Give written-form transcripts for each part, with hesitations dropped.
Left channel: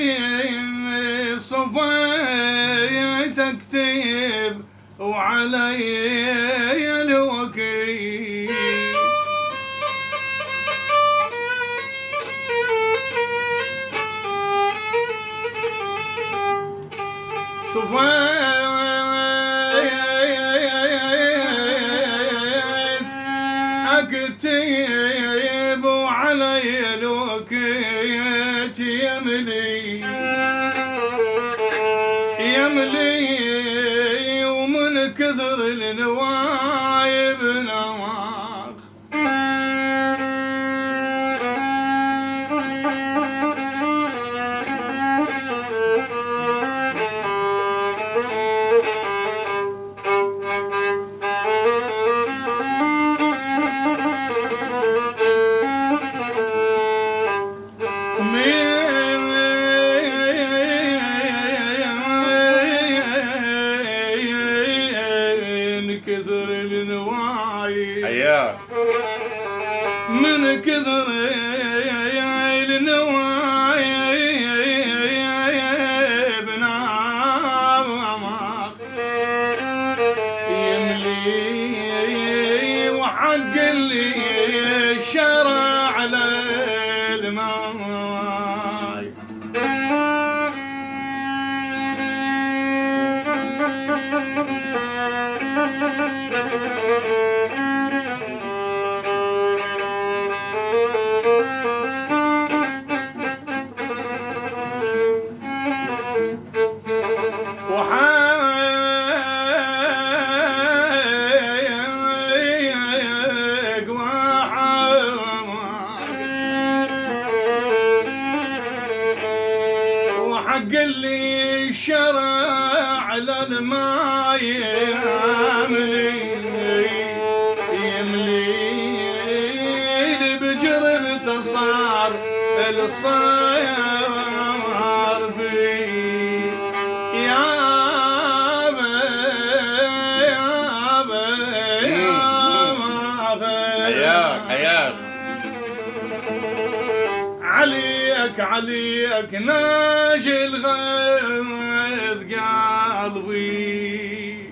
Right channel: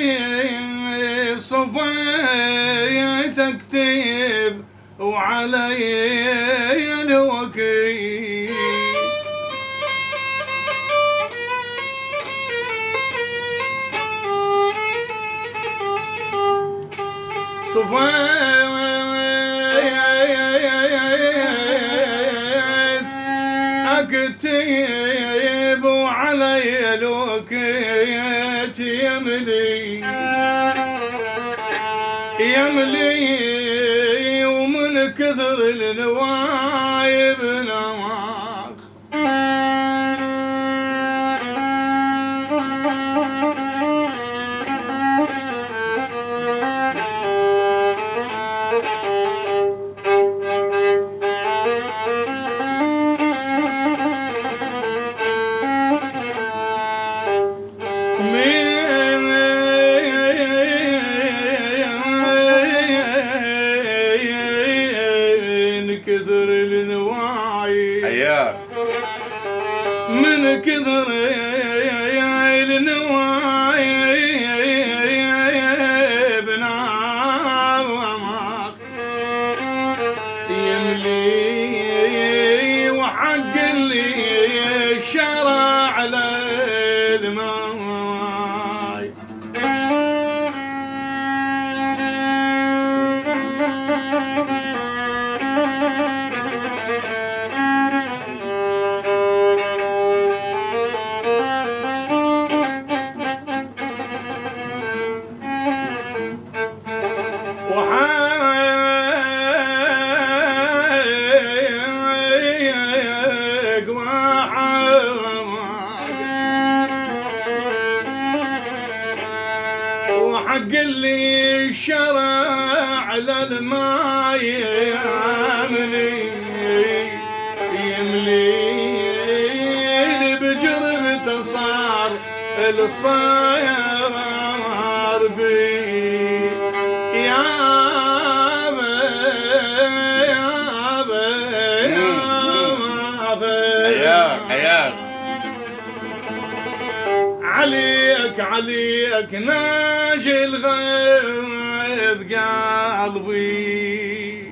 يملي صفيت اكتب وعلي الوكيل صفيت اكتب وعلي الوكيت يملي ومن كثر النوايب نواخ كثر النوايب حياك من كثر النوايب نامك يملي وحق اللي شرع للماي وحق اللي شرع للماي يملي بجربته صار الصيار بي يا حياك عليك ناجي الغيظ قلبي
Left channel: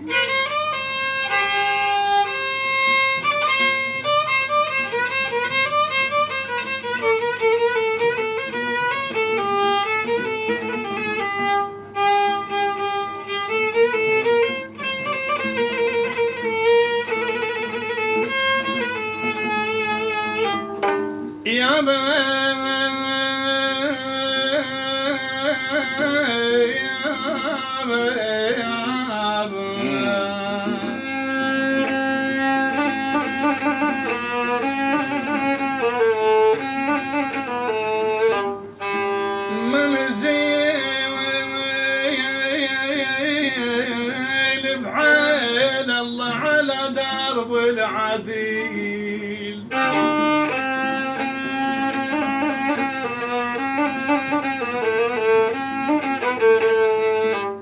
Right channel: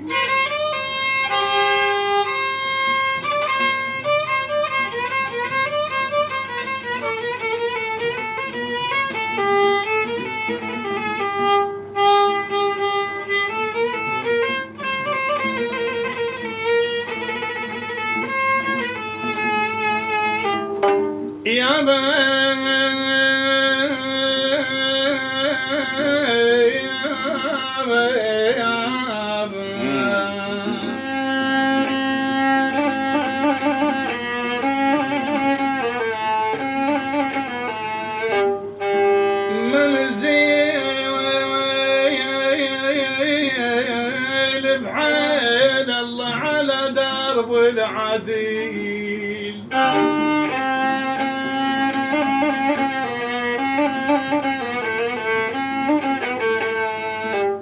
يا منزل بحيل الله على درب العديل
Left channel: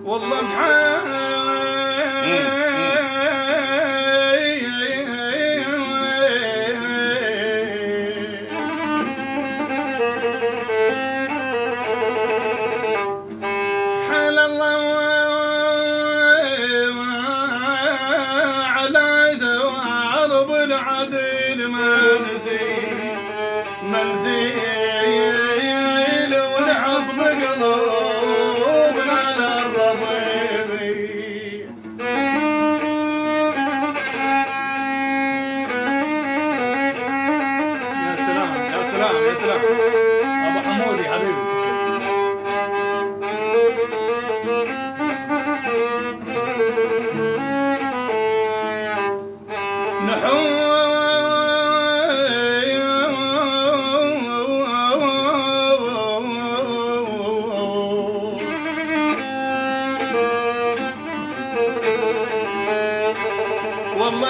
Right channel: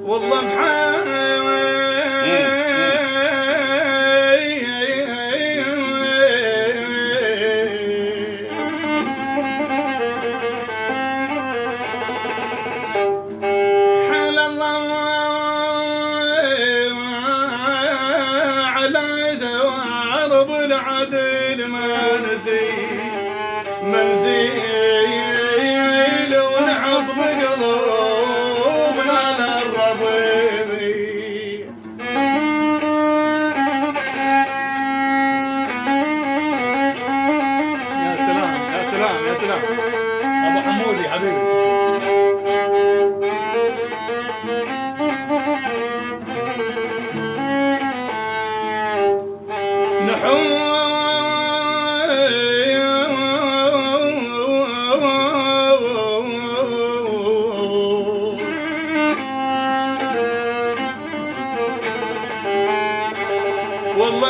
والله حال الله على دوارب العدل منزل ونعض بقلوبنا للربيبي يا سلام يا سلام يا سلام ابو حمودي حبيبي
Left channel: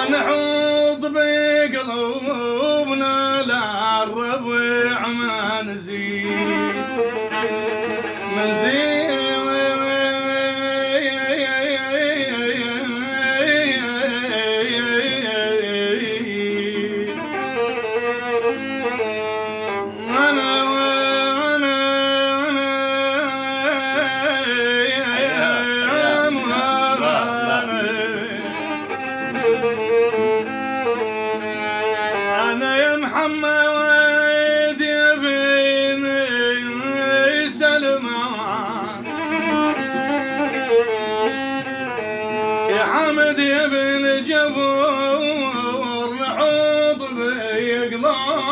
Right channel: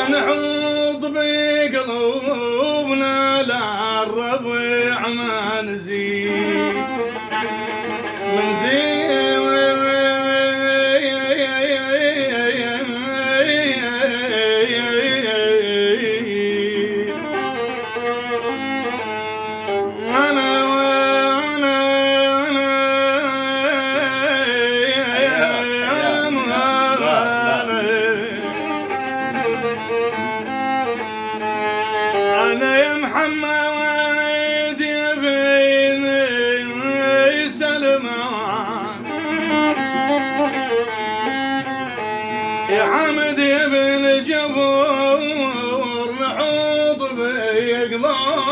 ونحوط بقلوبنا للربيع ما نزيد أنا يا محمد يا بني سلمان يا حمد يا بن جبور نحوط بقلوبنا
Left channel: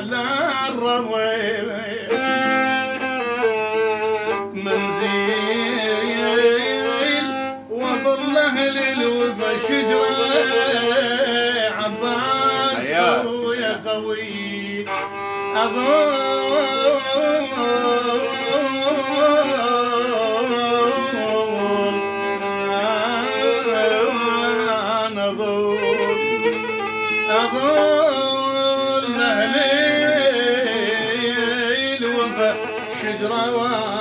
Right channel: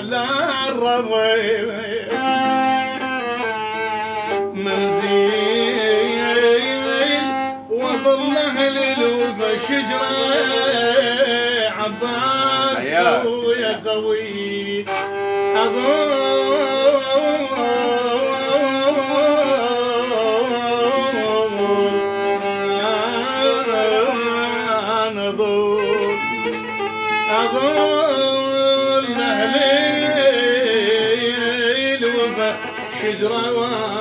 للربيع منزيل وظله للوفا شجره عباس يا قوي أظل أهلي الوفا شجرة